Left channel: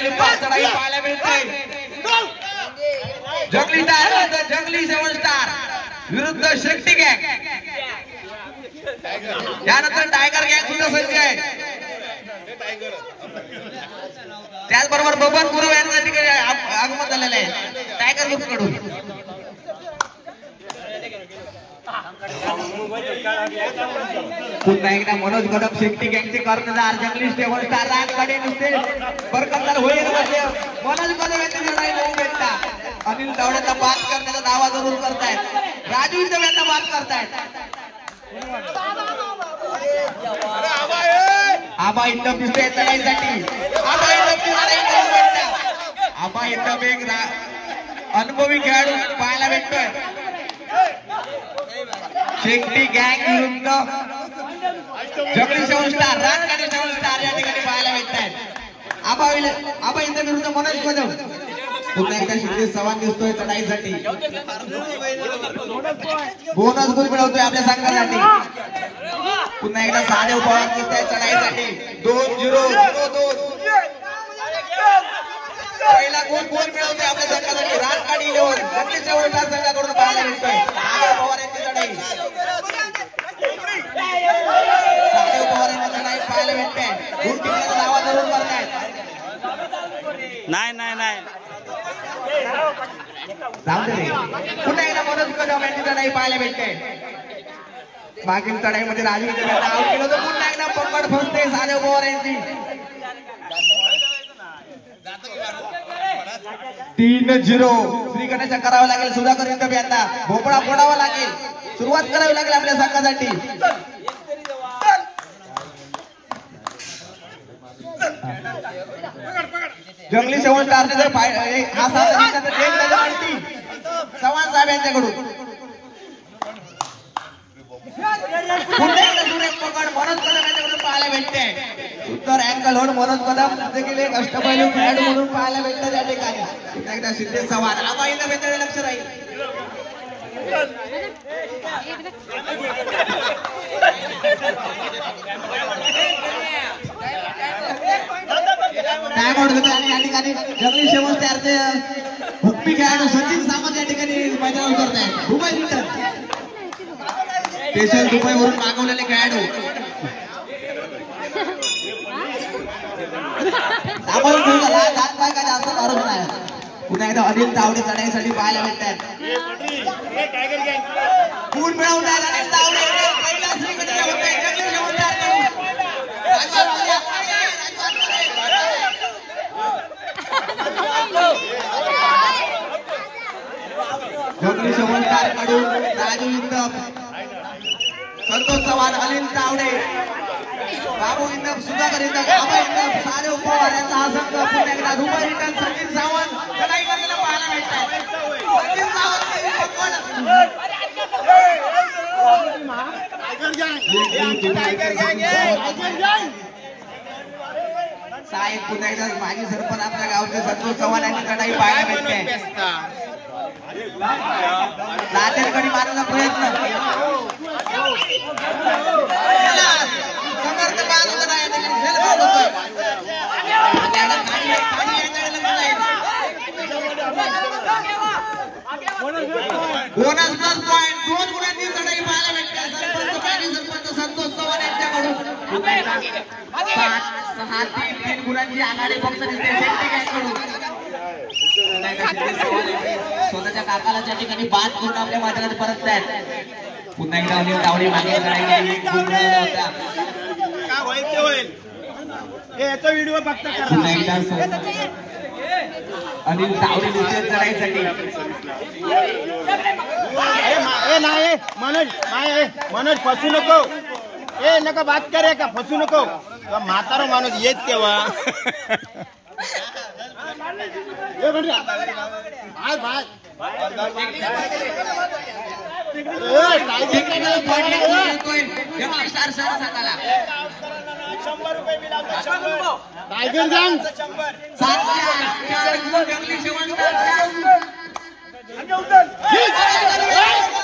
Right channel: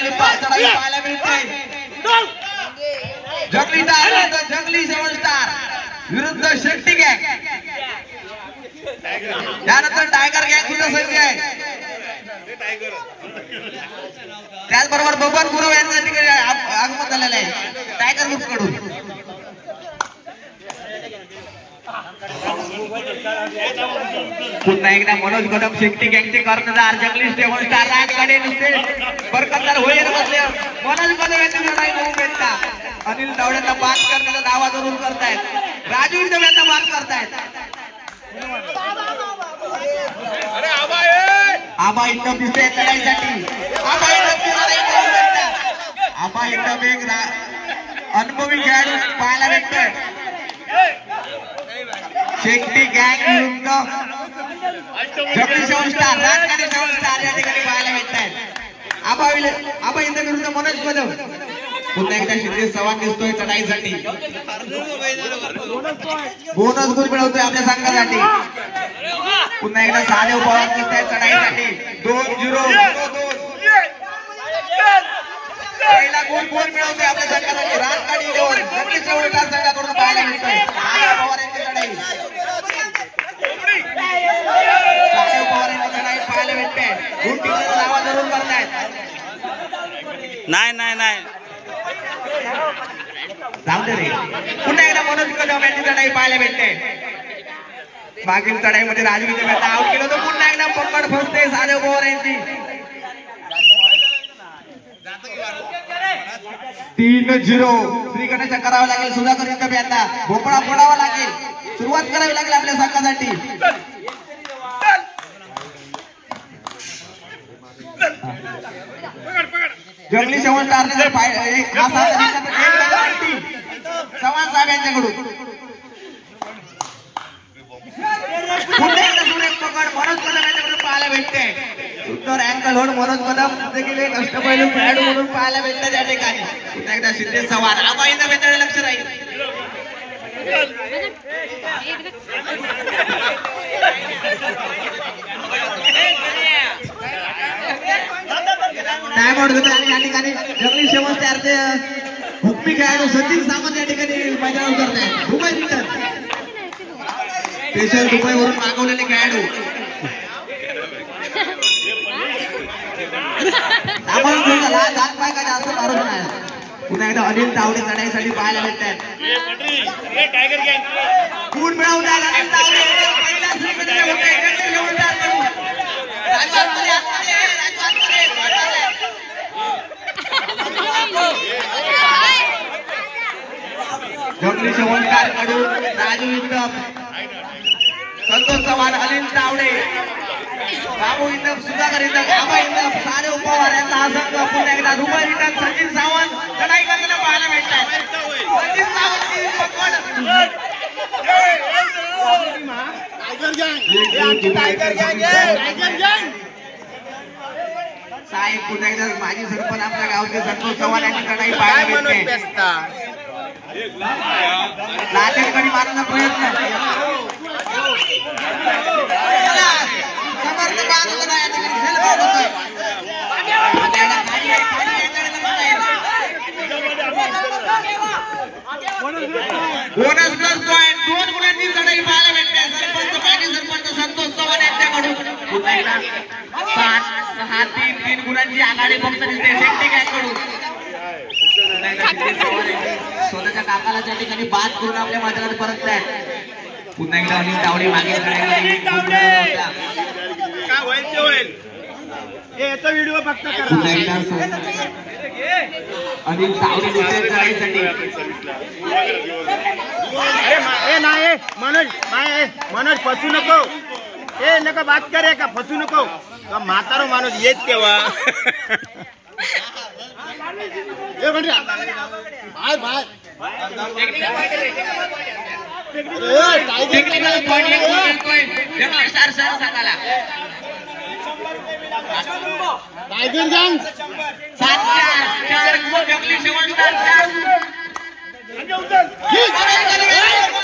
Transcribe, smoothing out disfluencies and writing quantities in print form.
Rally pass चढाई पाहायला मिळते. जंगली 7 स्टार विरुद्ध शेट्टी गँग. यानंतर टायगर गँग सुद्धा सज्ज आहे. त्याचबरोबर बबन गुरु यांच्या ठिकाणी आगमन झालेलं आहे टायगर ग्रुप कडून. पुन्हा एकदा मनोज गडप शेट्टी गँगचे कर्णधार जंगली 7 स्टार राजगाडे नुसते बरकतदार होईल बसले. मनोज गडप यांची लढाई करून भेटतात. अनिल तावडेचा पास करण्याचा दावा जरूर करतायत. राजू एकदम यांचा पास करतायत. आबा एकदम दिसतोय लढाईसाठी. आबा एकदम एक अनुभवी खेळाडू पाहायला भेटतोय. शेट्टी गँग विरुद्ध जंगली 7 स्टार राजगाडी 7 स्टार या ठिकाणी पाहायला भेटतायत. आबा इंद्र विरुद्ध मनोज कदम. पुन्हा एकदा शिंदे सवाल दिसतोय चढाईसाठी. बोनस गुण मिळवतोय आपल्या संघासाठी. पुन्हा एकदा साधे पवार दिसतोय चढाईसाठी. 2-0 पहिला गोल मिळवतोय आपल्या संघासाठी. राजगाडी 11 जंगली 7 स्टार संघाकडून पाहायला मिळतोय. साधे पवार यांची चढाई. साधे पवार यांची चढाई पाहायला भेटते. गुंटीचा दावा जरूर करतायत. नाही पुन्हा एकदा मनोज कदम यांची चढाई पाहायला भेटते. मागील चढाईमध्ये राजवीर आउट केलं तर पुन्हा एकदा पकड फसते साधे पवार यांची. 3-0 श्रीगणेशा करावं लागेल. सुधाकर इंदब यांना भोपळा फोडावा लागेल. सुरुवात करावी लागेल आपल्या संघासाठी. जंगली 7 स्टारने जर चव्हाण साहेब यांच्याकडून मनोज कदम यांच्याकडून पाहायला भेटते. उत्तर अँकल होऊन मनोज कदम देखील एक अष्टपैलू खेळाडू म्हणून पाहायला भेटते त्या ठिकाणी. पुन्हा एकदा शिंदे सवाल. आबा इंदब यांच्याकडे लक्ष राहील. काय म्हणतो आणि या ठिकाणी जंगली 7 स्टारचे हुकमी खेळाडू सचिन सावंत या ठिकाणी मैदानावर उतरत आहेत. दुबई रिटर्न स्पेशल दुबईवरून मागवलेले खेळाडू. पुन्हा एकदा अनिल तावडे चढाईसाठी पाहायला भेटतात. गुण मिळवणार अनिल तावडे. जंगली 7 स्टार कडून राजू इंदब, संतोष चव्हाण, अनिल तावडे, बाबू इंदब, सुधाकर इंदब, आबा इंदब, सारे उपहार यांचा हा संघ. पुन्हा एकदा दुबई रिटर्न सचिन सावंत चढाई करताना पाहायला भेटतात. सचिन साहेब. पुन्हा एकदा माजी सरपंच आपल्या गावचे संतोष चव्हाण यांची चढाई पाहायला भेटते. नांदेडकडे मारण्याचा प्रयत्न. बोनस प्लस पॉइंट 2 गुणांची चढाई पाहायला भेटते. सरपंच संतोष चव्हाण यांच्याकडून 6-3 गुणांची आघाडी फक्त दिसते शेट्टी गँगकडून. स्वतःच्या काकाला त्या ठिकाणी बाद करून आपल्या मैदानात परततायत. पुन्हा एकदा अनिल तावडे मागे चढाई. पुन्हा एकदा अनिल तावडे दुसऱ्या चढाईसाठी. मनोज फसू नको. नका बात करे का फसू नको. म्हातारा माणूस येत तेव्हा टायगर